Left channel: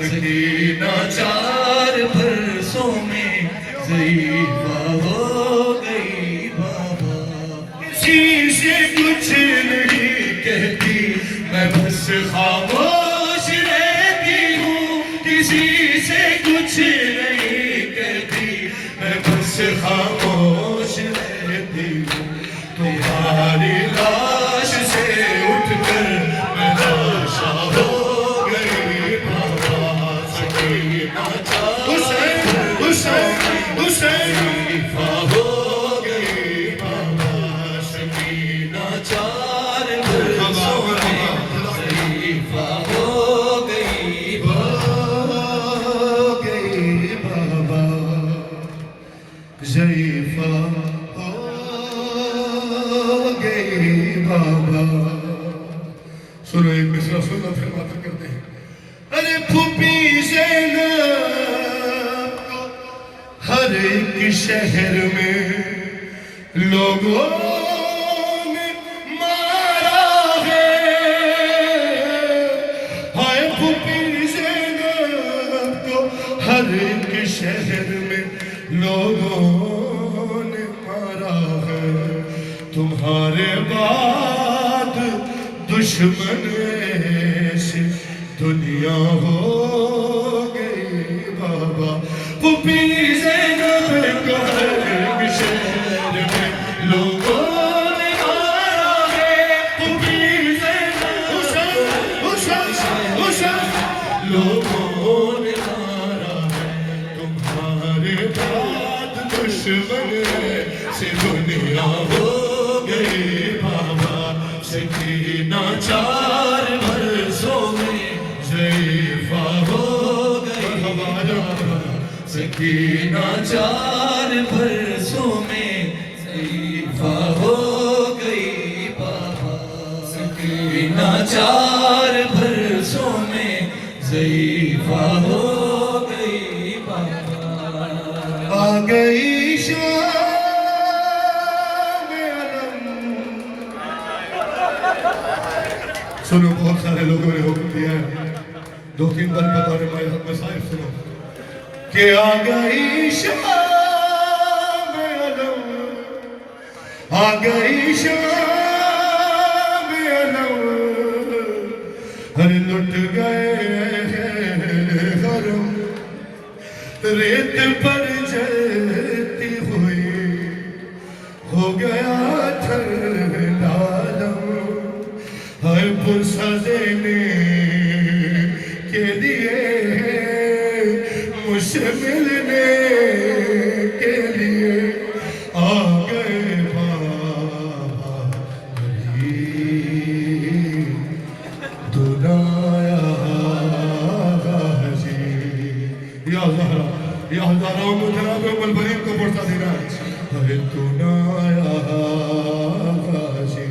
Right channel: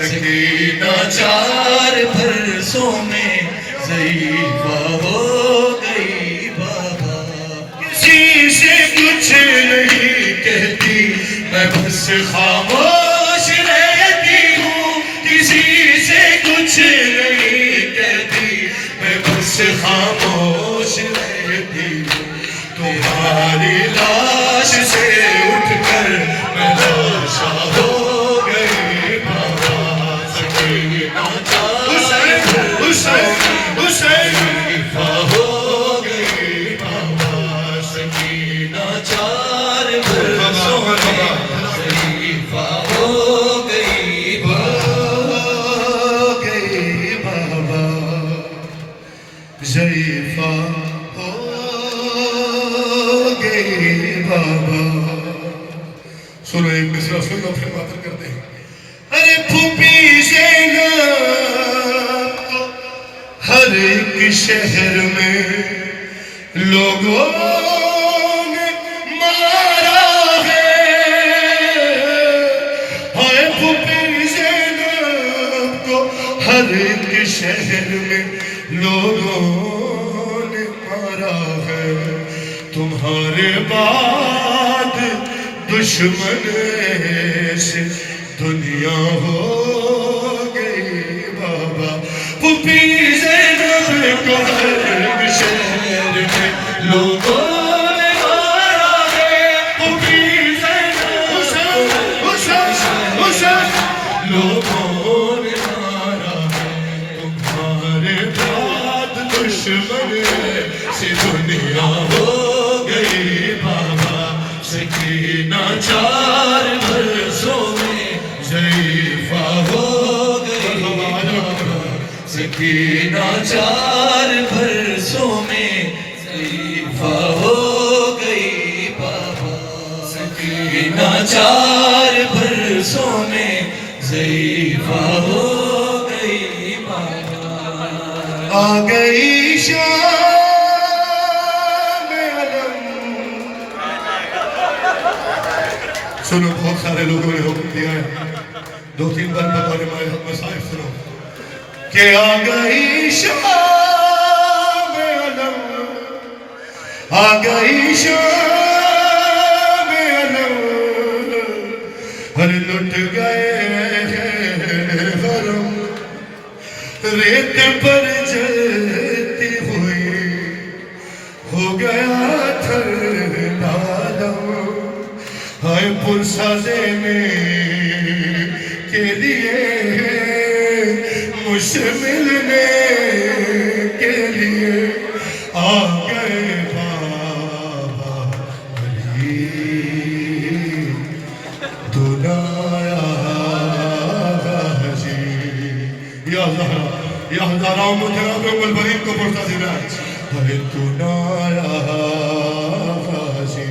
سکینہ چار برسوں میں ضعیفہ ہو گئی بابا کسی سے کچھ نہیں کہتی میں بس خاموش رہتی ہوں کسی سے کچھ نہیں کہتی میں بس خاموش رہتی ہوں تمہاری لاش سے اٹھ کر میں لاشا ہو گئی بابا سکینہ حسین حسین حسین ضعیفہ ہو گئی بابا سکینہ چار برسوں میں ضعیفہ ہو گئی بابا ضعیفہ ہو گئی بابا سنو ایک مصرع سنو پھر باتیں کرتے ہیں ارے پھوپھی زینب کو ہر ایک شہر میں لوگوں نے مارا ہے ہائے پھوپھی زینب کو ہر ایک شہر میں لوگوں نے مارا ہے تمہارے بعد دشمن سے دنیا ہو گئی بابا پھوپھی زینب کو ہر ایک شہر میں لوگوں نے مارا ہے پھوپھی زینب حسین حسین حسین لوگوں نے مارا ہے تمہارے بعد دشمن سے دنیا ہو گئی بابا سکینہ چار برسوں میں ضعیفہ ہو گئی سکینہ چار برسوں میں ضعیفہ ہو گئی بابا سکینہ چار برسوں میں ضعیفہ ہو گئی بابا آ گئی شام علم سنو بہت سارے لوگوں نے حکم دیا ہے دو تین بار بطور مسائب سنو کہ آ گئی شام علم آ گئی شام علم ہر لٹ گئے غرم ریت پر جلتی ہوئی ہو گیا تھر نالم ہائے پرسہ دینے کے لیے مجھ سے ملنے کے لیے آ گئے بابا علی دنایا غازی یا زہرا یا ہزارہ مجھرہ کو ملبرین کو پڑھتا دینا ہے دنایا غازی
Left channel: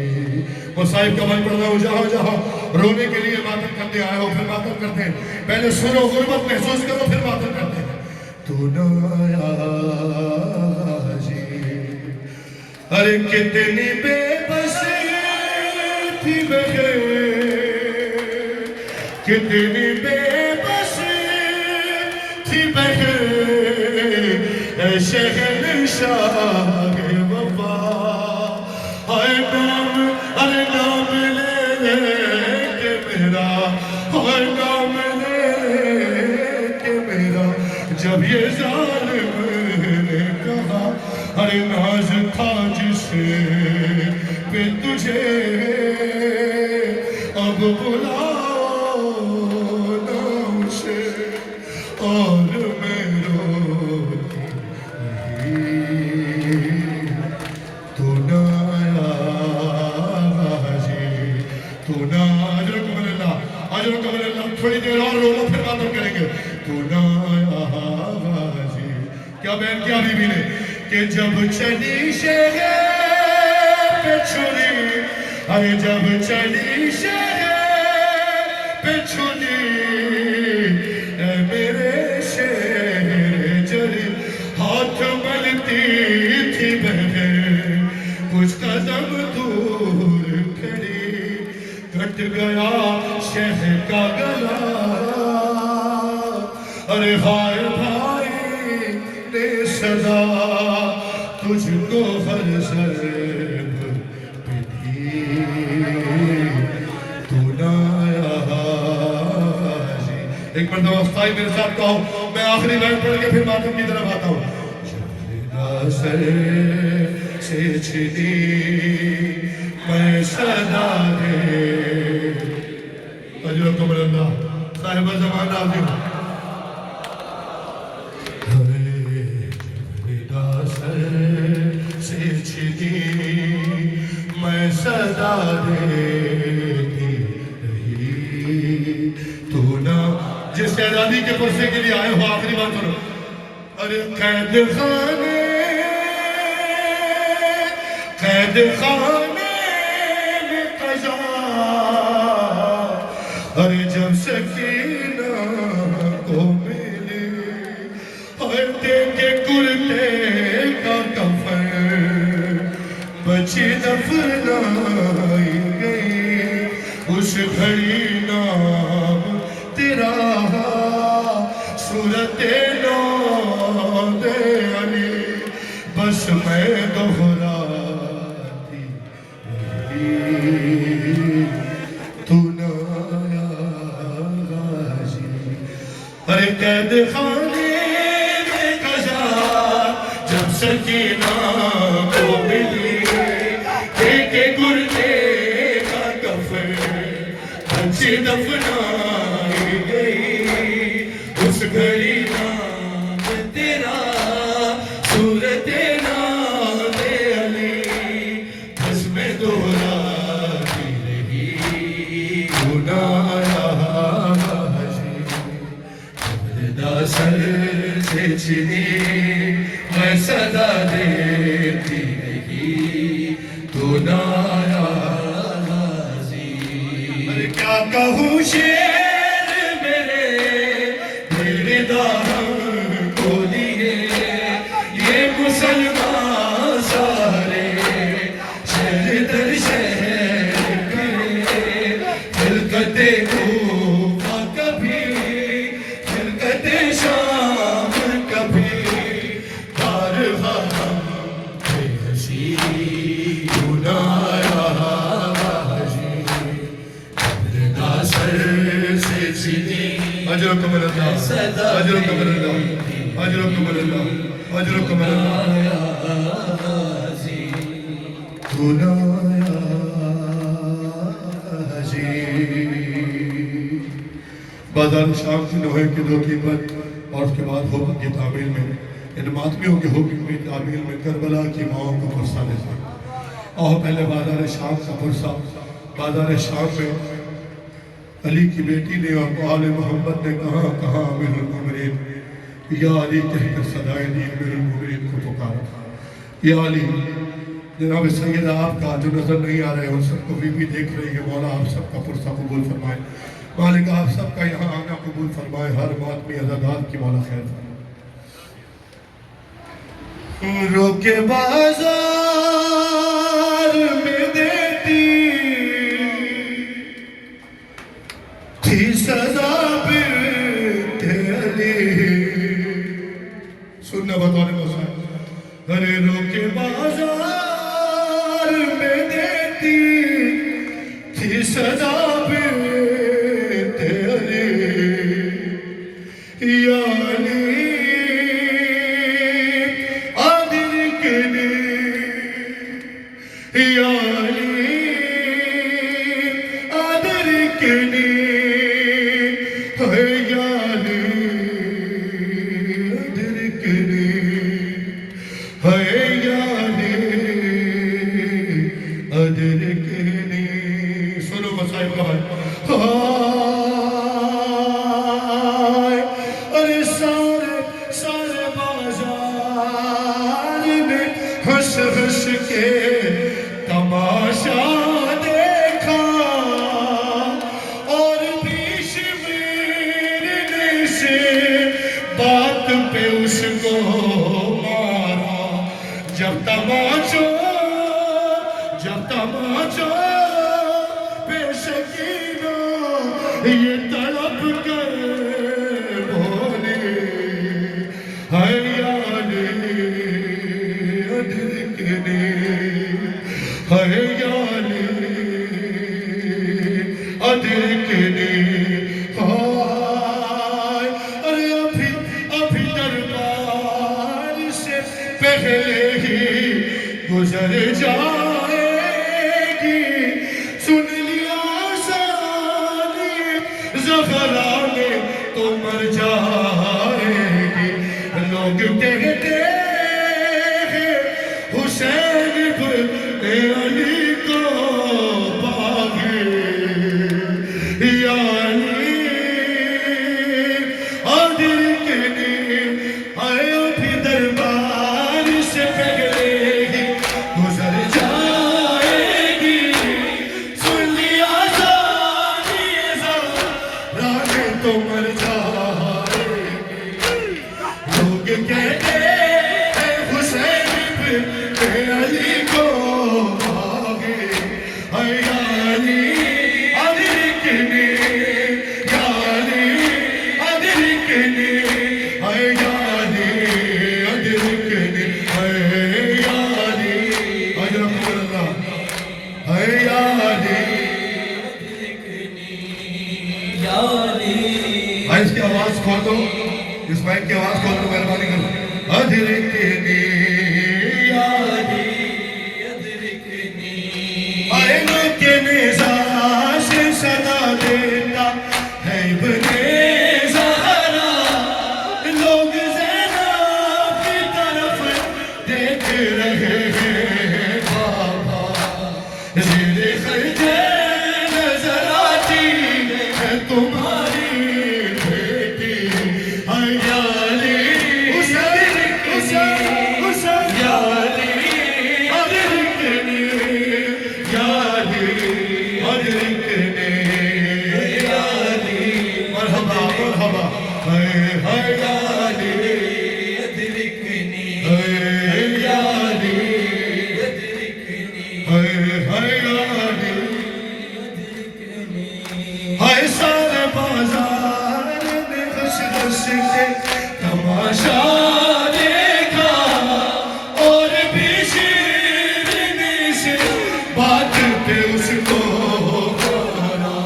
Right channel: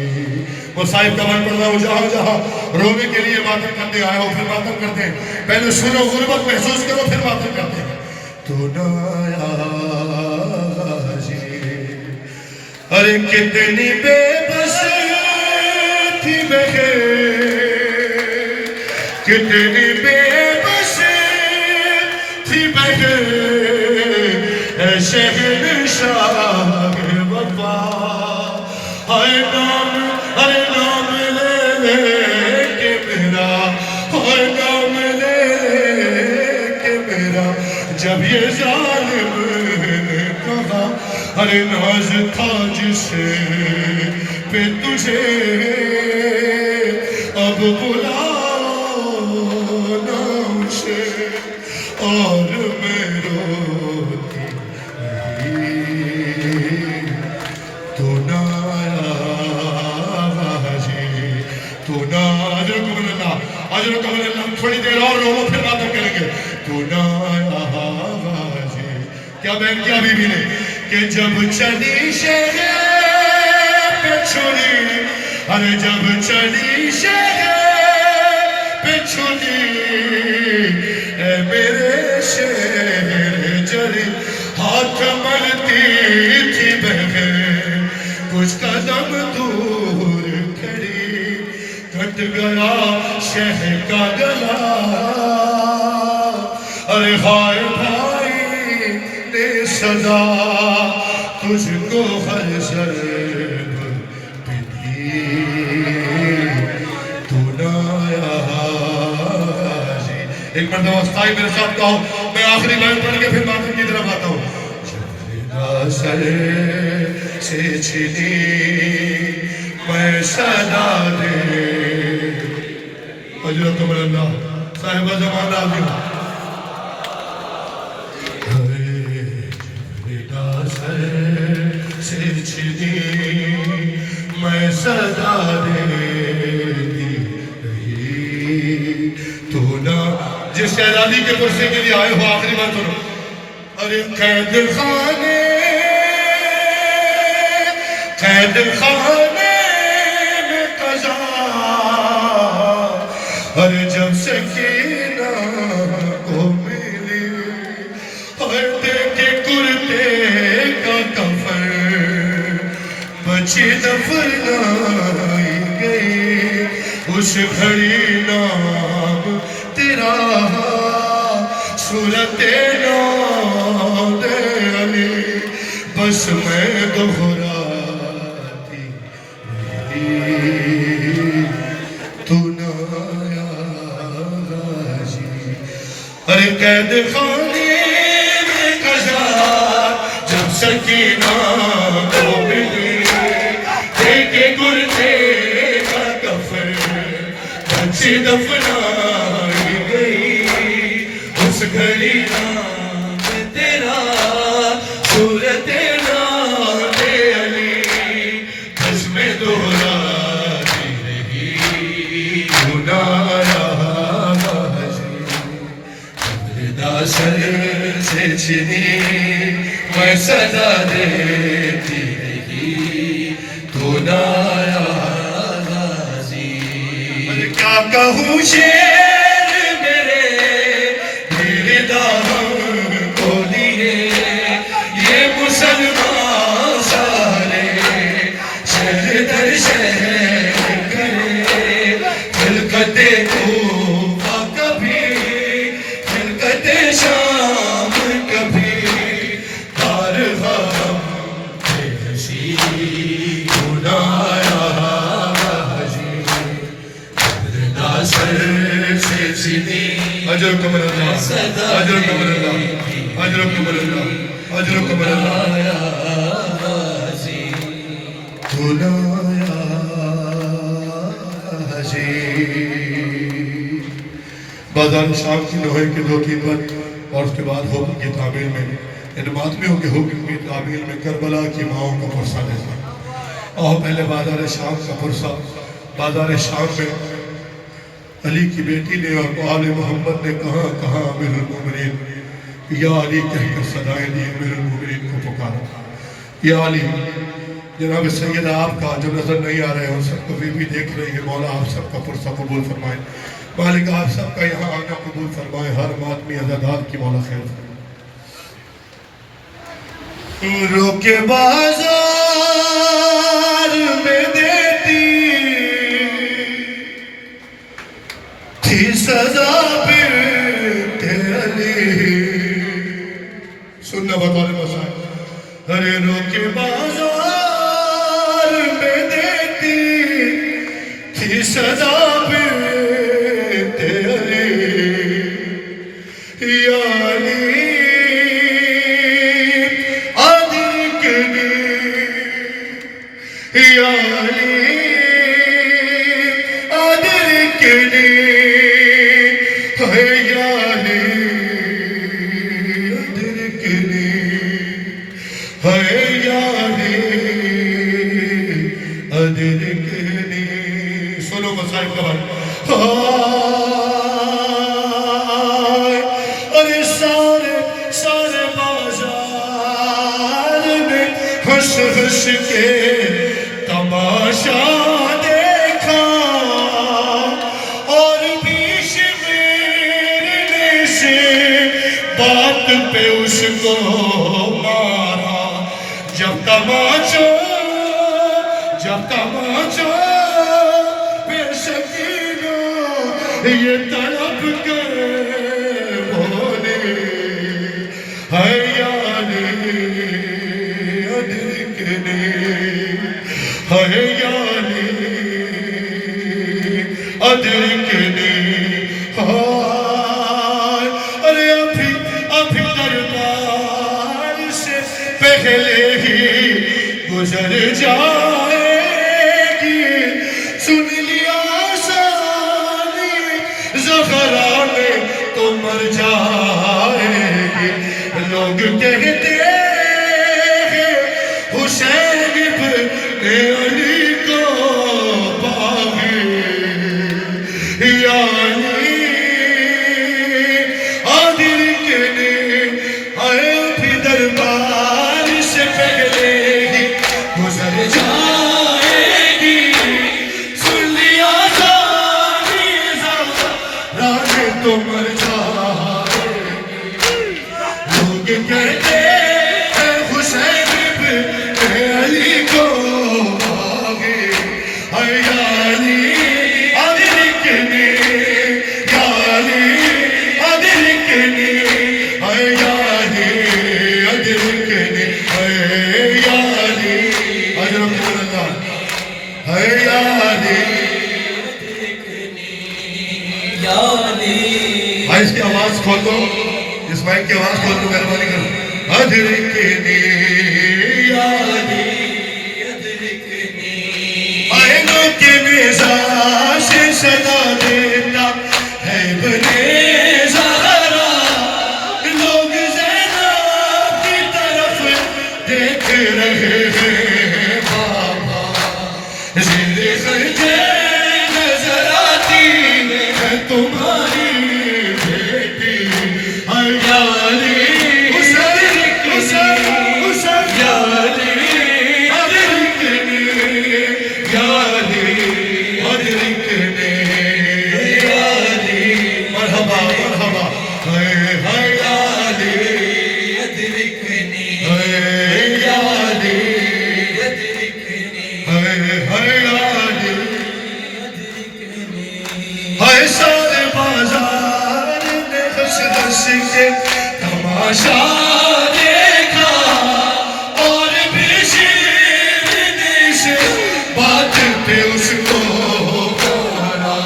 مصائب کا من پڑھنا ہو جہاں جہاں رونے کے لیے ماتم کرتے آئے ہو پھر ماتم کرتے ہیں پہلے سنو غربت محسوس کرو پھر ماتم کرتے ہیں دنایا غازی ارے کتنی بے بس تھی بہن کتنی بے بس تھی بہن اے شہنشاہ وفا ہائے نام لے لے کے میرا ہائے نام لے کے میرا جب یہ ظالم نے کہا ارے ناز تھا جسے پہ تجھے اب بلاؤ نا اسے اور میں روتی رہی تو نہ آیا تو نہ اجرکم اللہ تھوڑی دیر اور رو پھر باتیں کریں گے تو نہ آیا کیا بہن کیا بی بی نے کہ جب چلی شہر پہ چھری ارے جب چلی شہر پہ چھری اے میرے شہر جری ہاتھ ملتی تھی بہن کچھ قدم دور کھڑی کٹ گیا شہر کا گلا ارے ہائے بھائی نے صدا تجھ کو ہر ضرب پہ دی تو نہ آیا حاجی. ایک مرتبہ استائی میرے ساتھ کہو, میں آخری لائن پڑھ کے پھر ماتم کی طرف آتا ہوں. جب سر سے چھنی میں صدا دے. اجرکم اللہ صاحبہ زمان آدم. میں صدا دیتی رہی تو نہ. جس شہزادی کے پرسے کے لیے آئے ہو آخری بات سنو. ارے قید خانے میں قضا, ارے جب سکینہ کو ملی اور دیکھے کرتے کا کفن بچی دفنائی گئی, اس گھڑی نام تیرا صورت نام علی بس میں دہراتی رہی تو نہ آیا غازی. ارے قید خانے میں قضا جب سکینہ کو ملی دیکھے گردے کا کفن بچی دفنائی گئی, اس گھڑی نام تیرا صورت نام علی بس میں دہراتی رہی تو نہ آیا حاجی. پردہ سر سے چھنی میں صدا دیتی رہی تو نہ آیا غازی. ارے کیا کہوں شیر میرے دامن کو لیے یہ مسلمان سارے شہر در شہر کرے خلقت کوفہ کبھی خلقت شام کبھی بارہا ہم بے حسی تو نہ آیا حاجی. پردہ سر سے چھنی اجرکم اللہ اجرکم اللہ اجرکم اللہ اجرکم اللہ تو نہ آیا حاجی. بازار شام کی نوحے کے 2-3 بار اور اس کے بعد حکم کی تعمیل میں ان ماتمیوں کے حکم کی تعمیل میں کربلا کی ماؤں کا پرسہ لیتا ہے. اور پہلے بازار شام کا پرسہ. بازار شام میں علی کی بیٹی نے اور آل محمد نے کہاں امیر المومنین یا علی کہہ کر صدائیں دی امیر المومنین کو پکارا. یا علی جناب سیدہ آپ کا جو نظر نہیں آ رہے ہیں ان سب کو بھی دیکھ رہی ہے, مولا آپ سب کا پرسہ قبول فرمائیں. مالک آپ سب کا یہاں آنا قبول فرمائیں, ہر ماتمی عزادات کی مولا خیر فرمائیں. روکے بازار میں دیتی تھی سزا بنت علی. سننا بطور مسائل. ارے روکے بازار میں دیتی تھی سزا بنت علی. یا علی یا علی ادرکنی ہے یا علی ادرکنی ہے یا علی ادرکنی. سنو مسائب کا بھائی. ارے سارے بازار میں ہنس ہنس کے تماشا دیکھا اور بیش میرنے سے بات پہ اس کو مارا. جب تماشا بے سکینہ یہ طلب کر بولی جائے گی سن لیا سانی زہرا میں تو مر جائے گی لوگ کہتے ہیں حسین ابن علی کو باغی یعنی عادل کے نے آئے بھی دربار سے پہلے ہی گزر جائے گی سن لیا جانی زہرا میں تو مر جائے گی لوگ کہتے ہیں حسین ابن علی کو باغی یعنی عادل کے نے یعنی عادل کے نے یعنی عادل کے نے یعنی اجرم اللہ یعنی بھائی اس کی آواز کھول دو اس مائک کی آواز کھول دو مہربانی کرو ادرکنی یعنی آئینوں کے مزاج سے صدا دیتا ہے بنے زہرا لوگ زینب کی طرف دیکھ رہے ہیں بابا زیر خرجے نظر آتی ہے تمہاری بیٹی یعنی حسین یعنی ادرکنی یعنی ادرکنی یعنی مرحبا مرحبا یعنی ادرکنی یعنی ہائے سارے بازار نے ہنس ہنس کے تماشا دیکھا اور بھی شیرنی سے بات پہ اس کو کرا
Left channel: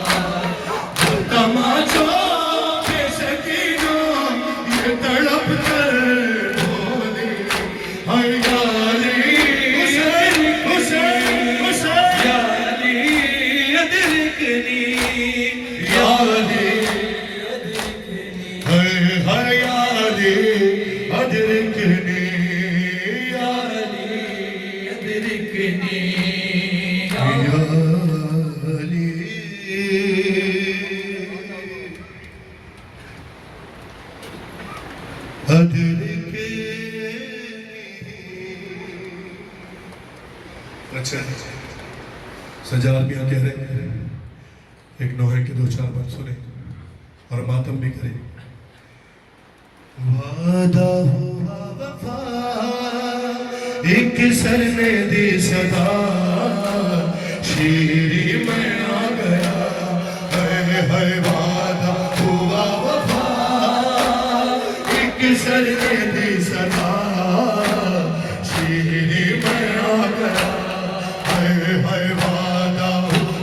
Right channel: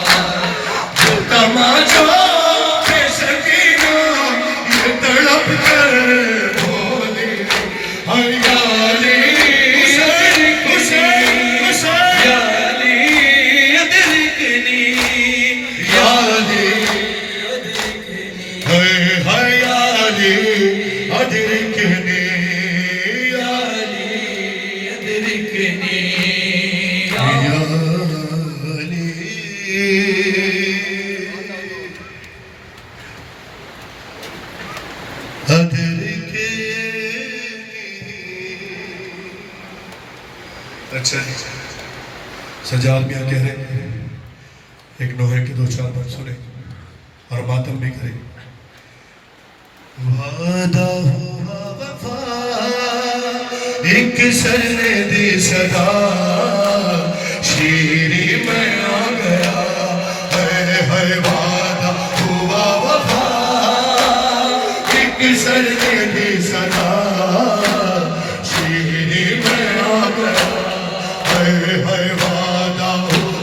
جو تماشا پہ سکینہ یہ تڑپ کر بولی یعنی حسین حسین حسین یعنی ادرکنی یعنی یعنی ادرکنی یعنی ادرکنی اچھا سجاد میاں کہہ رہے ہیں ایک نوحے کے دو چار بات سنیں اور ماتم بھی کریں وعدہ ہوا وفا ایک سر نے دی صدا شیری میں آ گیا ہے وعدہ ہوا وفا ایک سر نے دی صدا شیری میں آ گیا ہے وعدہ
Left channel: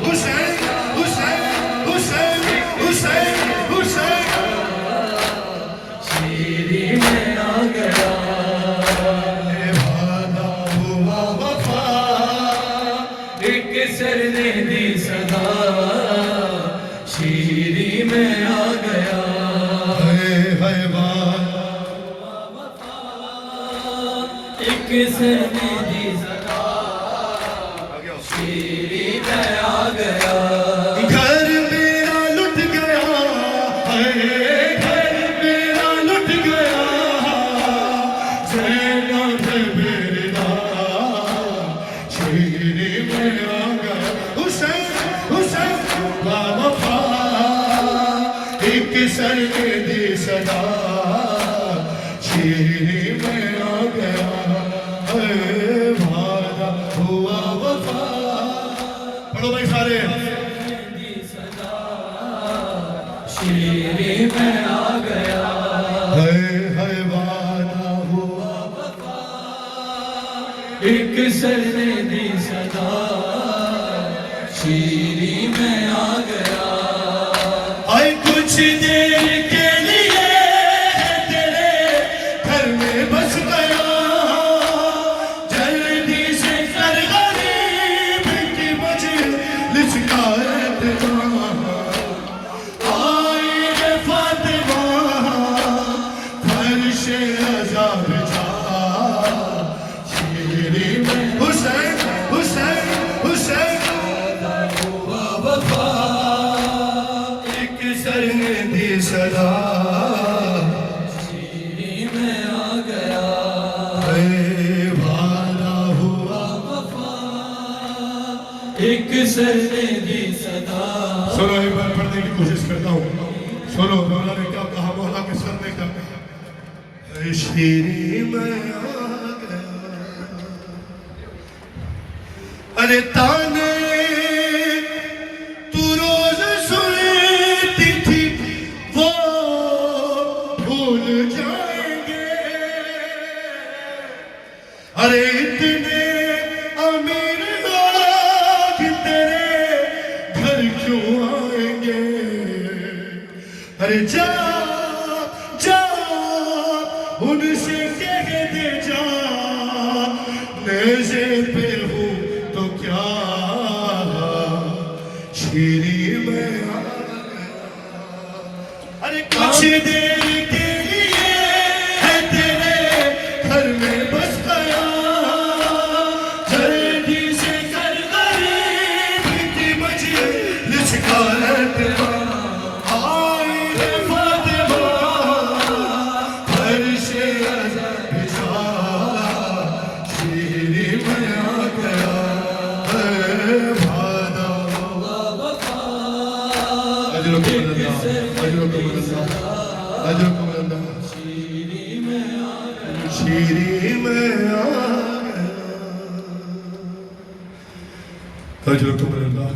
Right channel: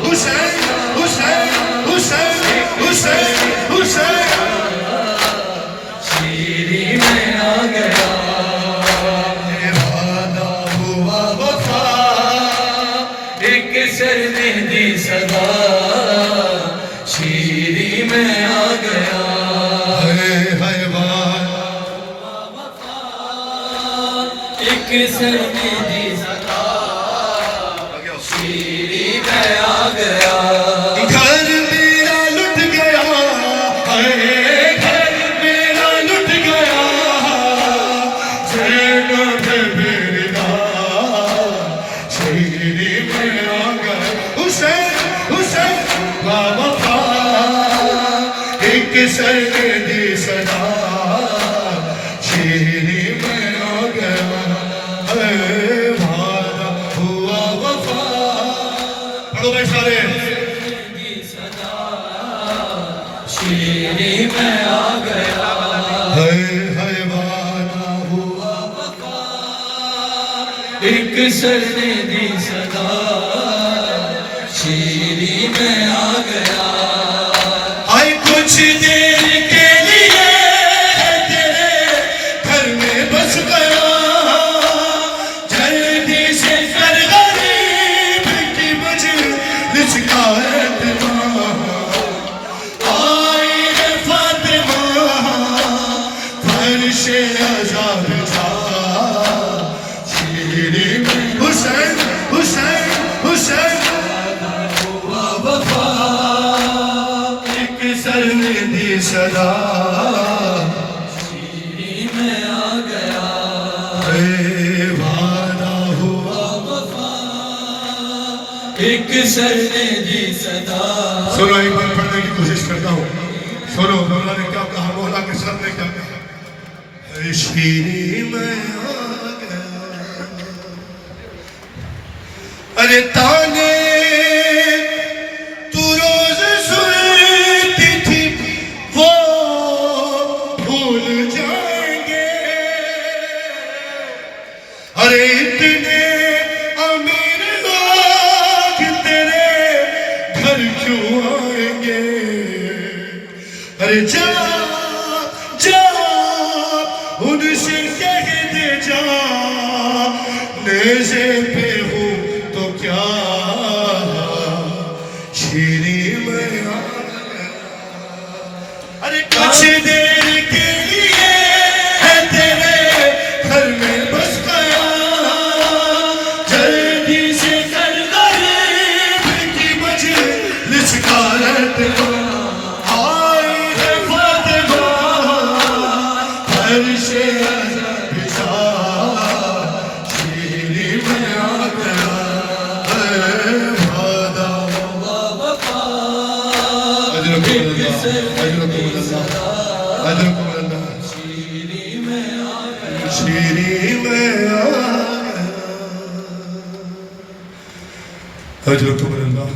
حسین حسین حسین حسین حسین شیری میں آ گیا وعدہ ہوا وفا ایک سر نے دی صدا شیری میں آ گیا ہے وعدہ ایک سر نے دی صدا شیری میں آ گیا گھر میرا لٹ گیا گھر میرا لٹ گیا زینب میرا شیری میں آ گیا حسین حسین وفا ایک سر دی صدا شیری میں آ گیا وعدہ ہوا وفا پڑھو بھائی سارے شیری میں آ گیا وعدہ ہوا ایک سر نے دی صدا شیری میں آ گیا آئے کچھ دیر کے لیے تیرے گھر میں بس گیا جلدی سے کر سے عذاب جا شیری میں حسین حسین حسین ہوا وفا ایک سر نے دی صدا شیری میں آ گیا اے وعدہ ہوا وفا ایک سر نے دی صدا سنو ایک بار پڑھنے کی کوشش کرتا ہوں سنو مولا نے کیا کہا مولا کے سر نے کیا کہا اے شیری میں آ گیا ارے تانے تو روز سنتی تھی وہ بھول جائیں گے ارے اتنے امیر لوگ تیرے گھر کیوں آئیں گے ارے جا جا ان سے کہہ دے جا نیزے پہ ہوں تو کیا شیری میں آ گیا ارے کچھ دیر کے لیے ہے تیرے گھر میں بس گیا جلدی سے کر غریب کی مجلس کا اعتبار آئی ہے فاطمہ گھر سے عذاب جا شیری میں آ گیا اے وعدہ ہوا وفا اجرکم اللہ اجرکم اللہ اجرکم اللہ شیری میں آ گیا شیری میں آ گیا اجرکم اللہ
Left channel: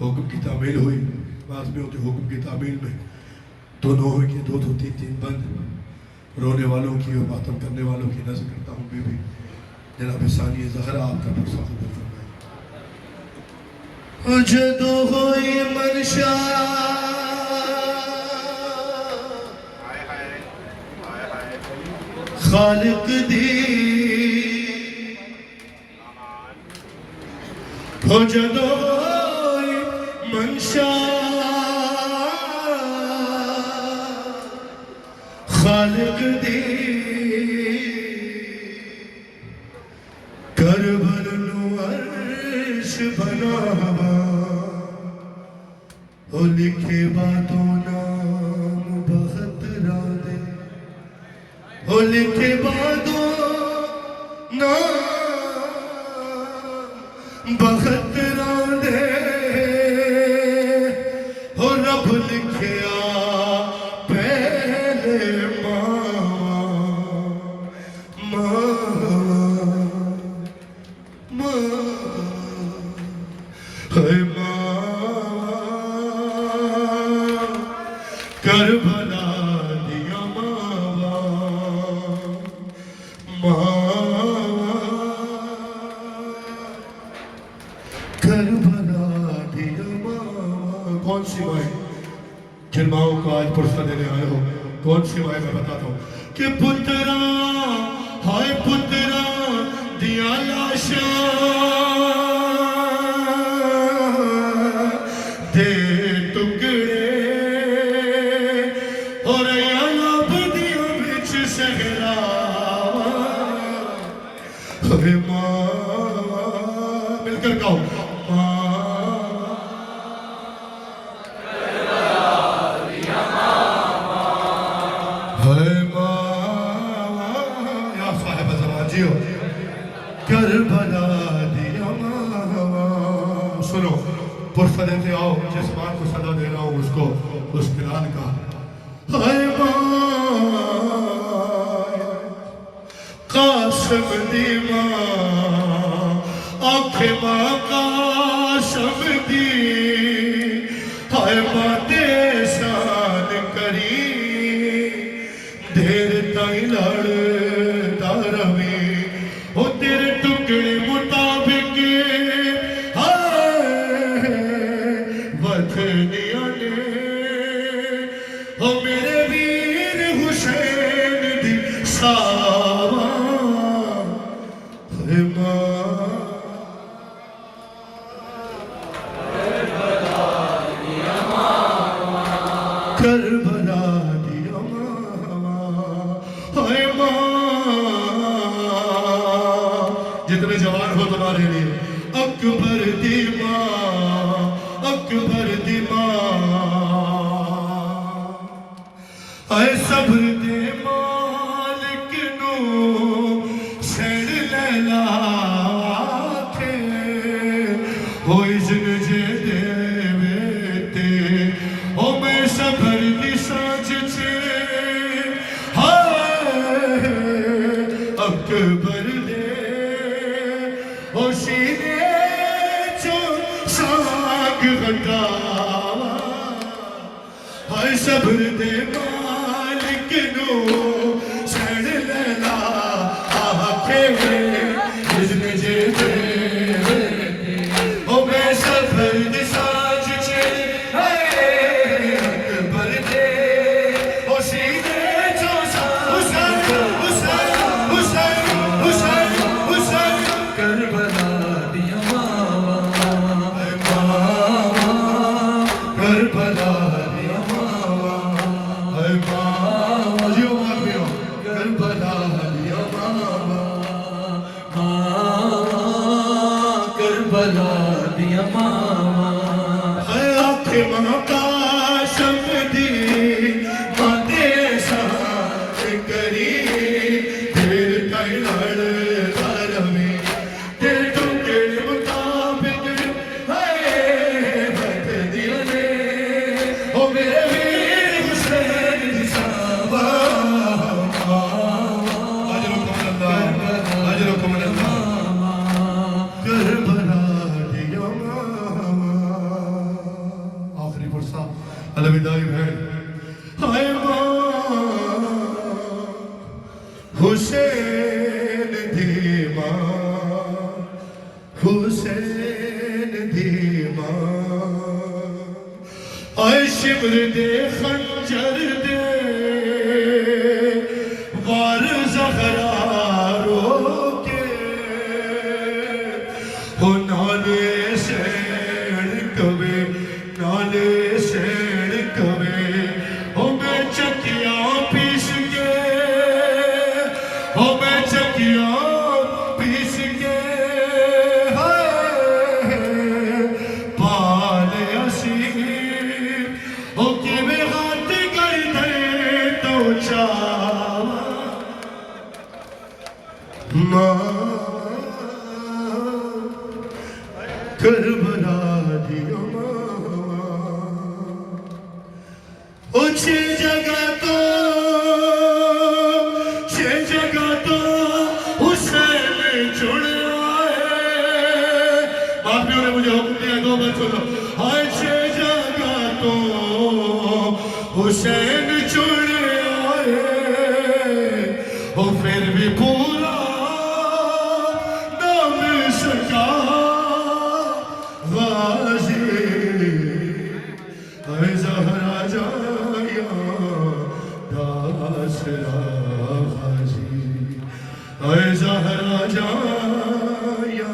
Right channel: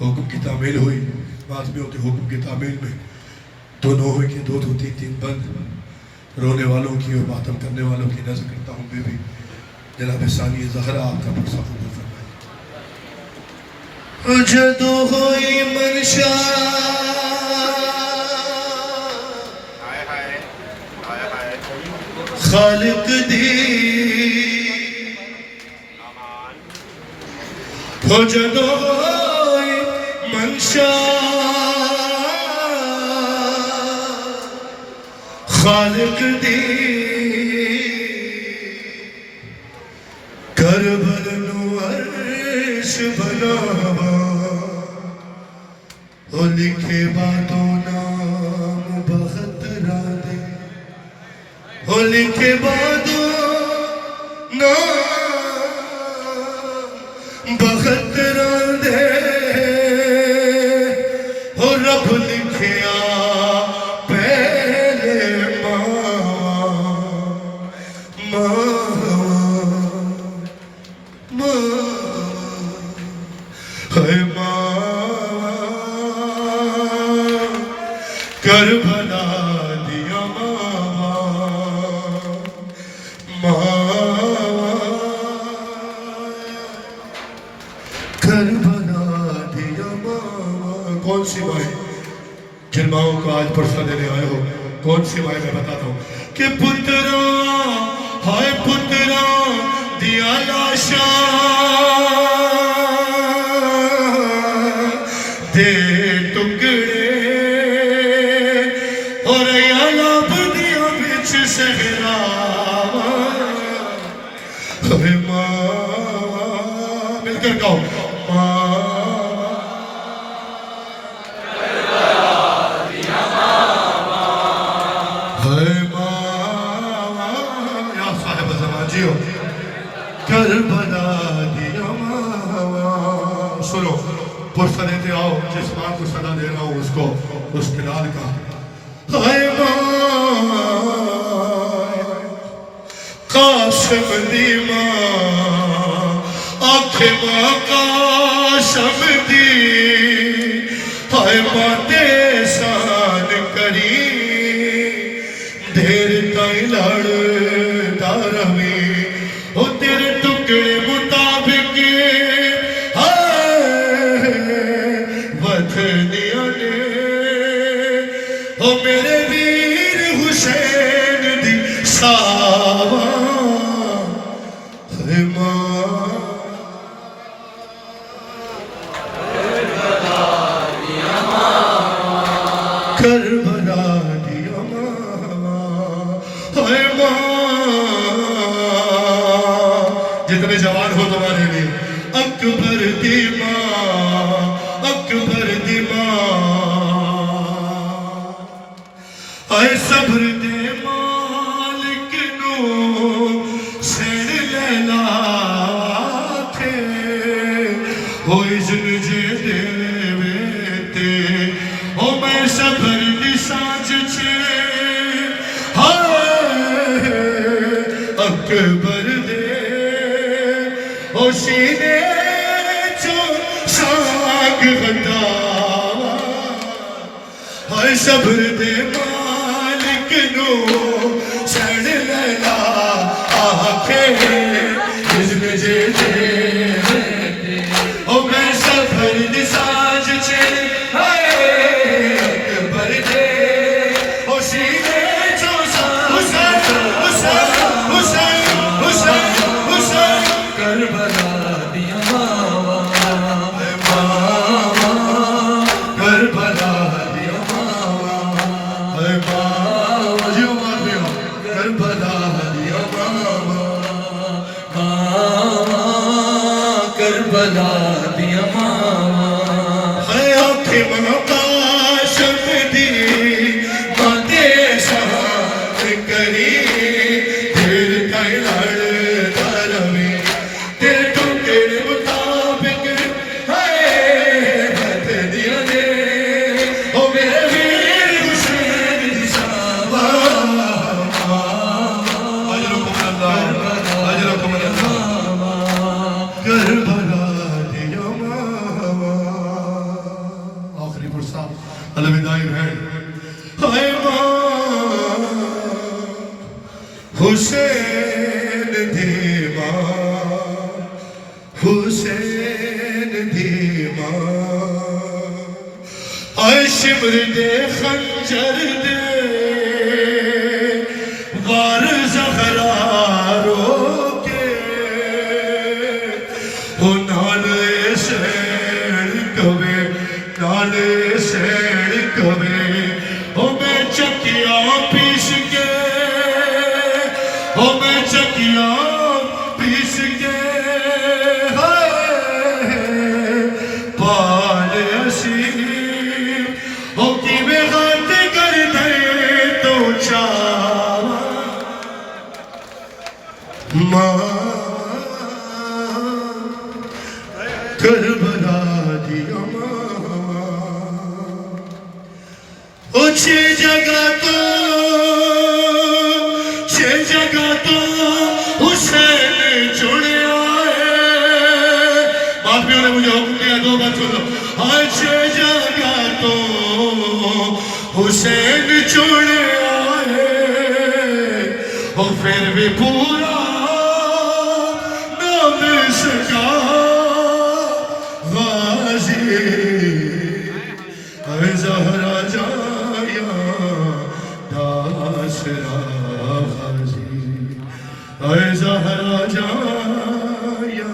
حکم کی تعمیل ہوئی بات میں ہوتی حکم کی تعمیل میں دو نوحے کے دو دو تین تین بند رونے والوں کی اور ماتم کرنے والوں کی نظر کرتا ہوں بی بی جناب ثانی زہرا آپ کا پرسہ قبول فرمائے جدو ہوئی منشا خالق دی ہو جدو ہوئی منشا خالق دی کربل نو عرش بناوا او لکھے باتوں نام بہت راندے او لکھے باتوں نام بہت راندے او رب لکھیا کربلا دیا ماوا کربلا دیا ماوا کون سی مائیں جن ماؤں کو آج پرسہ دینے آئے ہو کون سی مائیں میں بتاتا ہوں کہ پترا ہائے پترا دیا لاشا دے ٹکڑے اور یا لاب دیا بچ سہرا ہمیں ماں مل کر کہو ماں کربلا دیا ماوا سنو پرسہ دیتے آؤ جس ماں کو صدا دے رہا ہوں اس کو اس بلال کا ہائے ماں قاسم دی ماں آنکھیں ماں قاسم دی ہائے ماں دے سان کری دیر تائیں لڑتا روی او تیرے ٹکڑے مطابق وطنیاں نے او میرے ویر حسین دی ساوا اے ماں کربلا دیا ماوا اے ماں جتنے جوان ہو تمہارے لیے اکبر دی ماں اکبر دی ماں اے صبر دے مالک نو سین لیلا تھے ہوئی جن جے دے ویتے او میں صبر دی سانچ چھے اکبر دے او سینے چو ساگ غداوا ہائے صبر دے مالک نو سڑ لیلا آکھے جسم جے جے او میں صبر دی سانج چھے اکبر دے او سینے چو ساگ کربلا دیا ماوا کربلا دیا ماوا اے ماں جو ماریا کربلا دیا ماوا کربلا دیا ماوا اے آنکھیں ماں کاشم دی ماں دے شاہ کری پھر کئی لڑ دروی تیرے ٹوکے مطابق اے بت دیا دے او میرے ویر حسین دی ساوا اجرکم اللہ کربلا دیا ماوا آخری پرسا الوداعی بھیڑ اے ماں حسین دی ماں حسین دی ماں اے شمر دے خنجر دے وار زہرا روکے ہو نالے سیڑ کبے نالے سیڑ کبے ہو میں چکیاں پیس کے ہو میں چکیاں پیس کے پال اسیر ہو کی میں ہاتھ کر دے تو چاوا ماں کربلا دیا ماں اچھی جگہ تو حسین چڑیا ہے باپیوں نے مجھے حکم دیا دو بات سن لو اچھی جگہ تو حسین چڑیا ہے وہ پھر بھی پورا نام سکا غازی اے زہرا جایا داسرا غازی اے زہرا جایا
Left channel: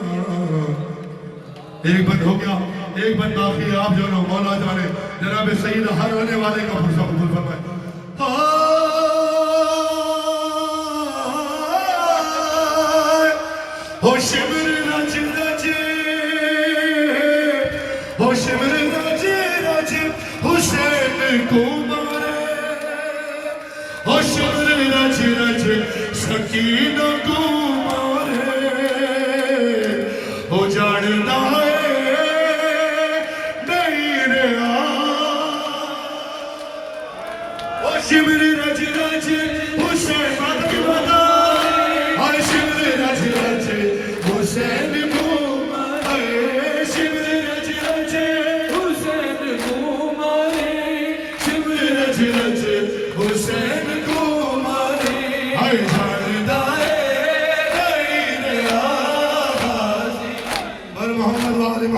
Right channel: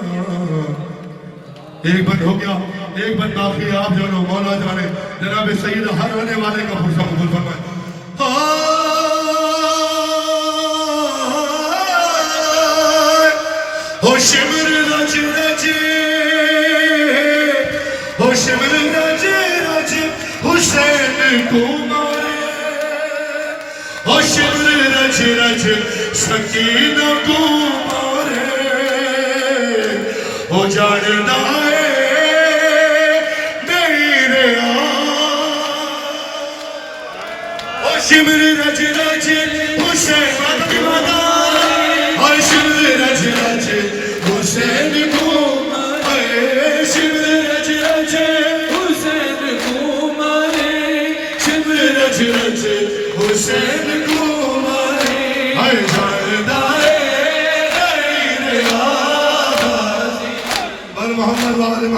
ایک بند ہو گیا ایک بند باقی ہے آپ جانو مولا جانے جناب سید ہر آنے والے کا فرصہ قبول فرمائے ہو شمر رج رج ہو شمر رج رج حسین کو مارے ہو شمر رج رج سکینہ کو مارے ہو جاننا ہے میرے ہو شمر رج رج حسین کی مدد ہو شمر رج رج حسین کو اے شمر رج رج حسین کو مارے شمر رج رج حسین کو مارے اے جاندا ہے غیر آغازی بر محمد وعلى